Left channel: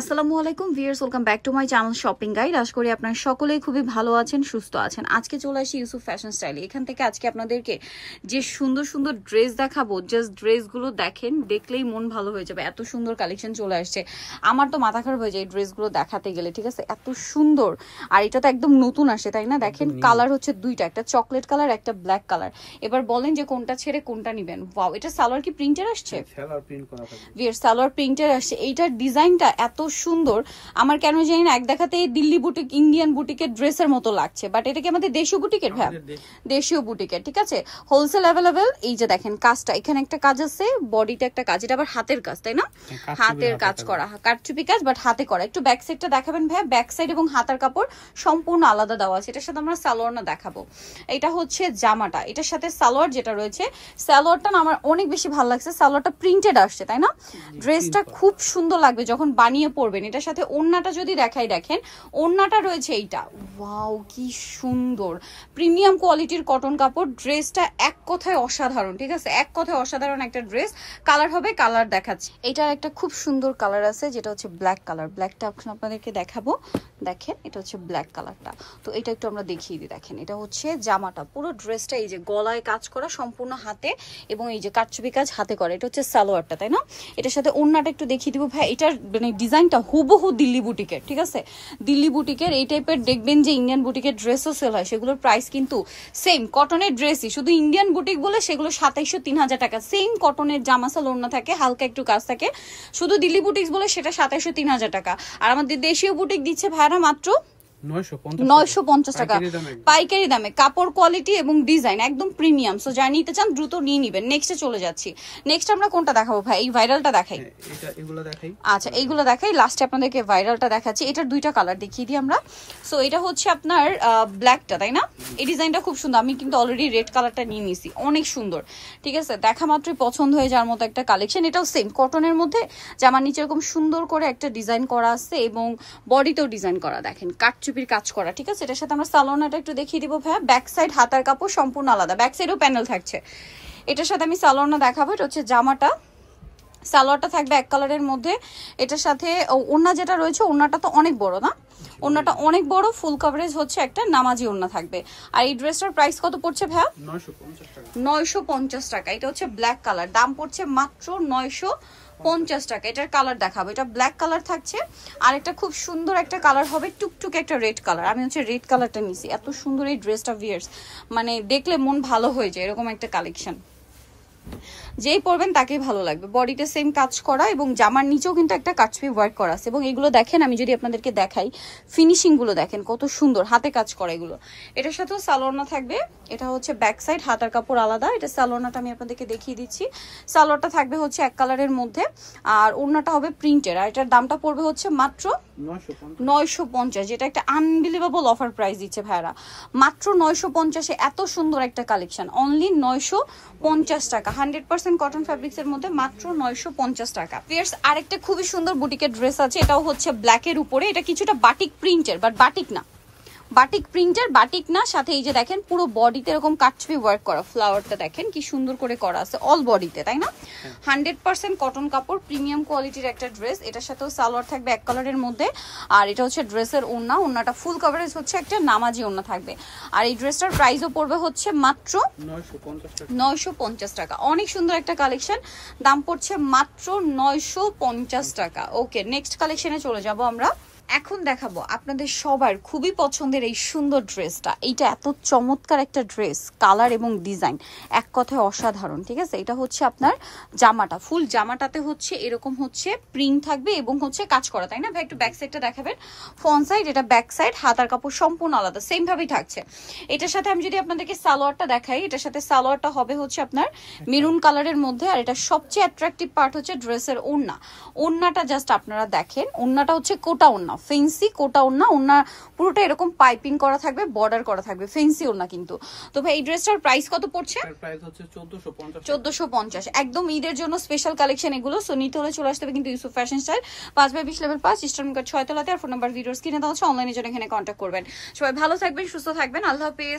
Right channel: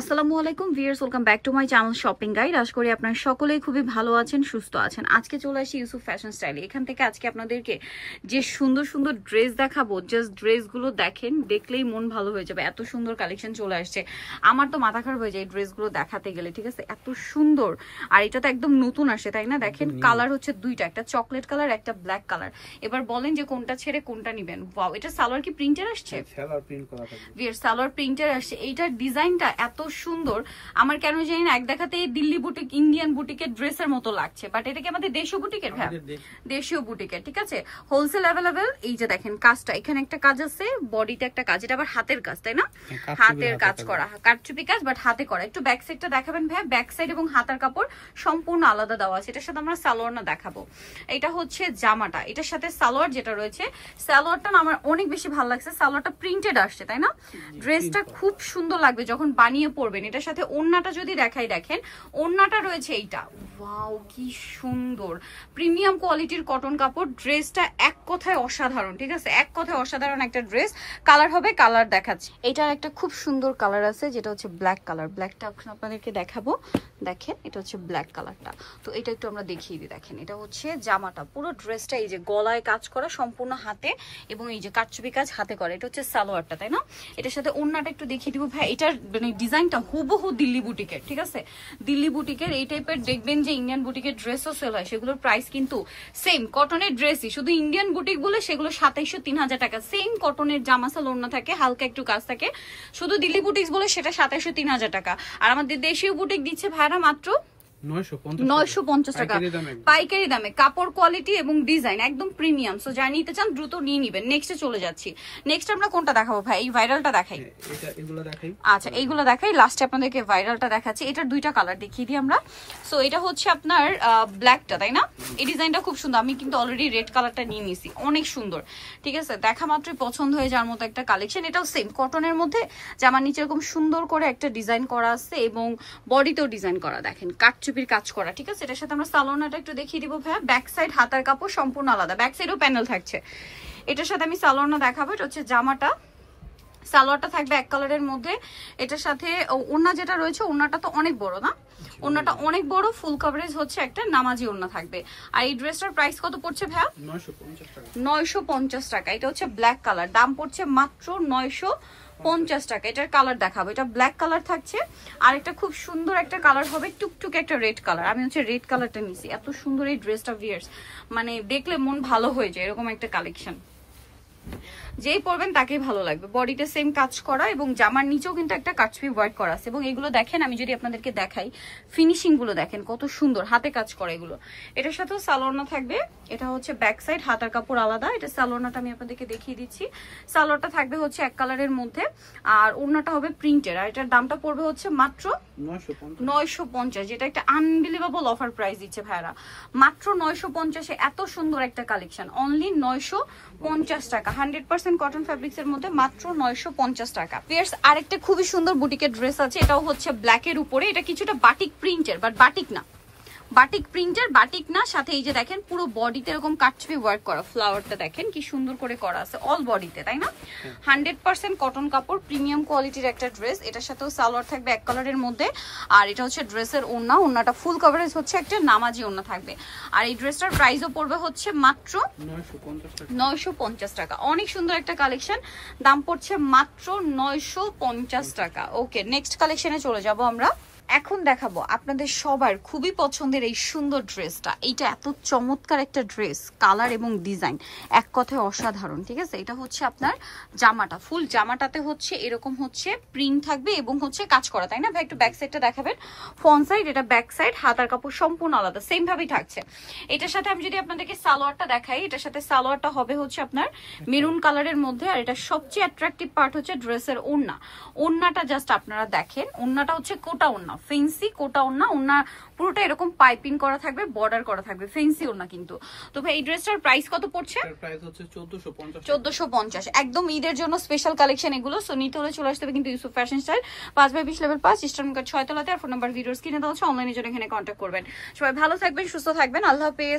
আসসালামু আলাইকুম viewers, welcome back to my channel shopping guide. আশা করি আপনারা সকলেই খুবই ভালো আছেন, সুস্থ আছেন। আজকে চলে আসি ইউসুফ ফ্যাশন স্টাইলে। এখান থেকে আজকে আপনাদেরকে যে সুন্দর সুন্দর ড্রেস দেখাবো, জাস্ট ড্রেসগুলো দেখেন, দেখলেই মন ভালো হয়ে যাবে। এত সুন্দর কালেকশন চলে আসছে, আমার তো মাথা খারাপ হয়ে যায় এই ড্রেসগুলো দেখাতে গেলে, ঠিক আছে? এত সুন্দর, আর এটা তো একদম নতুন আসে, তাই না? দেখেন কালার হচ্ছে দুইটা, একটা চকলেট কালার, একটা ব্ল্যাক কালার। এবার বলেন যে কোনটা ছেড়ে কোনটা নিবেন। ওয়াও, এটা সালোয়ার কি প্রিন্টের আসছে? সালোয়ার প্রিন্ট করা থাকবে। ভিউয়ার্স, সালোয়ার প্রিন্টের আসছে। এইটার ডিজাইনটা এত সুন্দর, আমার কেন জানি না এক দেখাতে দিল্লি বুটিক, ইন্ডিয়ান বুটিকের ড্রেসের মতো লাগছে, বাট এটা কি আমাদের দেশীয় বুটিকের? হ্যাঁ, দেশীয় বুটিকের, ঠিক আছে। Wholesale available. এই যে দেখেন কাজটা, এখানে একটা কাজ আছে, বডিতে একটা কাজ, এটা আবার হাতের কাজ, তাই না? হাতের কাজ করা, কারচুপি কাজ, বাট হাতে করা। একটু ব্যাক সাইডটা দেখাবেন ভাই। ব্যাক সাইড এবং হাতার কাপড় সম্পূর্ণ আলাদা দেওয়া আছে। এটার সাথে আমরা সালোয়ার না দেখাবো। এটা হচ্ছে জামাটা, এটার সাথে সালোয়ার যেটা রয়েছে, সালোয়ারটা না আমার অনেক বেশি ভালো লাগছে। সালোয়ারটা প্রিন্টেড আসছে, তাই না? ড্রেসটা খুব সুন্দর লাগবে যখন বানিয়ে পরবেন। এটার সাথে ওড়নাটা যদি দেখাই, দেখেন ওড়নাটা রয়েছে এইটা। ওয়াও, কি সুন্দর প্রিমিয়াম কোয়ালিটির কটন কাপড়। ড্রেসটা এক কথায় অসাধারণ, ঠিক আছে? এক কথায় অসাধারণ একটা ড্রেস। কালার হবে, কালার দেখাচ্ছি। এটার একটা খুব সুন্দর কালার আছে, যেটা হচ্ছে ব্ল্যাক কালার। ব্ল্যাকটা আপনাদেরকে দেখাবো। দেখেন এটা হচ্ছে ব্ল্যাক কালারটা। তো এটা একটু আমরা দেখিয়ে দিই। দেখেন এটা হচ্ছে জামাটা, পুরো ড্রেসটা এই যে গলায় কাজ করা সম্পূর্ণ হাতে, এবং এই যে কারচুপি কাজ হাতে করা। এটা হচ্ছে সালোয়ারটা, তাই না? এটার সাথে ওড়নাটা একটু দেখিয়ে দিব ভাই। এটার মানে ডিজাইনটা হুবহু দিল্লি বুটিকের, ঠিক আছে? দিল্লি বুটিকের এই টাইপের দেখবেন যে ইন্ডিয়ান বুটিকের ড্রেসও সেল হয়, সেগুলোর প্রাইস কিন্তু সেম কটনের ড্রেসই, শুধু ইন্ডিয়ান বুটিক বলে সেগুলো 2700-3000 টাকা। সেম কটনের জামাসাল ওড়না থাকে, হালকা একটু কাজ থাকে, শুধু দিল্লি বুটিক্স বলে সেটা 2700-3000 টাকা। আর আমাদের দেশীয় বুটিক দিচ্ছে ভাড়া মাত্র 950 টাকা পাইকারি দামে। কাপড় কোয়ালিটি এবং ডিজাইন একদম প্রিমিয়াম। সো যারা নিতে চান দ্রুত নিয়ে নিবেন। নেক্সটে চলে যাচ্ছি। নেক্সট আমরা কোনটা দেখাবো ভাই? এই ভাইরালটা দেখাই। আচ্ছা, এইগুলো দেখাই। লাস্টে আপনাদেরকে ভাইরালটা দেখাচ্ছি। এটার দুইটা কালার দেখিয়ে দিই আমরা। সো এটা হচ্ছে আপনার ব্ল্যাকটা, তাই না? এই ডিজাইনটা খুব সুন্দর। আমি কিন্তু অলরেডি রেড কালারটা নিয়ে নিয়েছি, অনেক সুন্দর, ঠিক আছে? দেখা মাত্রই পছন্দ হয়ে যাওয়ার মতো একটা কালেকশন। এটাও সেম কটনের মধ্যে, জামার নিচে এরকম সুন্দর করে একটা ডিজাইন করা আছে এবং বডিতেও ডিজাইন করা, দেখেন কারচুপির কাজ করা, ঠিক আছে? এটার সাথে আমরা সালোয়ারটা একটু দেখিয়ে দিব ভাইয়া। ব্যাক সাইড হাতার কাপড় সম্পূর্ণ আলাদা, ব্যাক সাইডও প্যানেল থাকছে। এটার সাথে আমি সালোয়ারটা দেখাবো। এটা হচ্ছে জামাটা, সালোয়ারটা থাকবে এক কালারের মধ্যে। এটার সাথে ওড়না যেটা রয়েছে, ওড়নাটা তো অনেক বড় না? ওড়নাটা অনেক বড়, ফুল কভারেজ হচ্ছে একটা নামাজি ওড়না থাকবে। আর এই ড্রেসটার প্রাইস কত পড়ছে ভাইয়া? 950 টাকা। এটা হচ্ছে ব্ল্যাক কালার, দাম পড়ছে মাত্র 950 টাকা। এটার কালার দেখাবো। এটা ব্ল্যাক কালার থাকছে, আর একটা খুব সুন্দর একটা কালার হবে টুকটুক একটা রেড কালার। আমি হচ্ছে রেড কালারটা নিছি। এত সুন্দর এই ড্রেসটা ভিউয়ার্স, মানে দেখলে মন ভালো হয়ে যায়, এরকম একটা কালেকশন। যেই পরবেন তাকেই ভালো লাগবে। বডিতে সেম কাজ করা এবং জামার নিচেও কিন্তু একটা কারচুপি ওয়ার্ক করা আছে। এবং এগুলো দেখেন, আমি যদি আপনাদেরকে দেখাই, ফিনিশিং গুলো দেখেন কত সুন্দর, হাতে কাজ করা এগুলো। এটার সাথেও সালোয়ারনা থাকবে। এটা হচ্ছে ব্যাক সাইড, হাতার কাপড় আলাদা। এটা সালোয়ারনাটা আমি আপনাদেরকে দেখিয়ে দিচ্ছি। সালোয়ারটা থাকবে হচ্ছে এক কালারের মধ্যে, আর ওড়নাটা হবে প্রিন্টের। আর এটার দামটা পড়বে হচ্ছে মাত্র 950, যেটা একটা আনবিলিভেবল অফার প্রাইস দিচ্ছে ভাইরা। মাত্র 950-এ এত সুন্দর একটা কালেকশন, অনলি 950 টাকা। 100% কটন ফ্যাব্রিক্স এর মধ্যে মাত্র 950 টাকা। ফিয়ার্স, আরেকটা খুবই সুন্দর বুটিকের ড্রেস আছে। এটাও হচ্ছে ব্ল্যাকের উপরে। এটা কিছুটা বাটিক প্রিন্টের, বাট বাটিক না, বাটিক প্রিন্টের, বাটিক না। সাথে এই যে দেখেন পুরো বডিতে এরকম কারচুপি ওয়ার্ক করা। ফ্লাওয়ারটা দেখেন কি সুন্দর করে করা আছে অল বডিতে, তাই না? 100% কটন কাপড়, প্রিমিয়াম কোয়ালিটির একটা ড্রেস। এটার সাথেও সালোয়ার থাকবে এক কালারের মধ্যে। আর এটা হচ্ছে ড্রেসের ওড়না। ওড়নাটা ফুল কভারেজ হচ্ছে একটা নামাজি ওড়না থাকবে। আর এই ড্রেসটার প্রাইসও পড়বে হচ্ছে মাত্র 950 টাকা। অনেক সুন্দর একটা কালেকশন, দাম পড়ছে মাত্র 950 টাকা। ওকে, নেক্সট কালেকশনে চলে যাব আমরা। এখন দেখাবো আপনাদের সবার খুবই পছন্দের এই সুন্দর ড্রেসটা। এইটা এত চমৎকার একটা ড্রেস, কালার এবং ডিজাইন এক কথায় অসাধারণ, ঠিক আছে? এটা হচ্ছে আপনার জামাটা, ফুল জামাটাতে হচ্ছে এরকম হচ্ছে প্রিন্ট থাকবে এবং হচ্ছে কাজ করা, তাই না ভাই? একটু ব্যাক সাইডটা দেখাবেন। ফ্রন্ট সাইড, এটা ব্যাক সাইড, হাতার কাপড় সম্পূর্ণ আলাদা, সেম ভাবেই থাকছে। এটার সাথে আমি যদি আপনাদেরকে সালোয়ারটা দেখাই, এটার সাথে সালোয়ারটা হবে হচ্ছে আপনার মেরুন কালারের মধ্যে। আর এটা সবচেয়ে অ্যাট্রাকটিভ পার্ট হচ্ছে ড্রেসের ওড়না। ওড়নাটা জাস্ট আপনারা দেখেন, ওড়নাটা হচ্ছে কোটা ওড়না, ফেন্সি কোটা ওড়না। ওড়না পুরোটা এরকম পাইপিং করা থাকবে, বর্ডার করা থাকবে, ফেন্সি ওড়না কিন্তু। তো ভাই এই ড্রেসটার প্রাইস কত পড়ছে? প্রাইস হচ্ছে 1450। একদম ঈদের জন্য স্পেশাল কালেকশন এগুলো। সো নিতে হলে চলে আসতে হবে কিন্তু Yusuf fashion style, 5/20 level 5, eastern card 6 তলাতে। আর ফোন নাম্বার ভিডিওস কিনে দেওয়া হচ্ছে, অনলাইনে জন্য এখানে কন্ট্যাক্ট করবেন। সবাই ভালো থাকবেন, সুস্থ থাকবেন, আল্লাহ হাফেজ।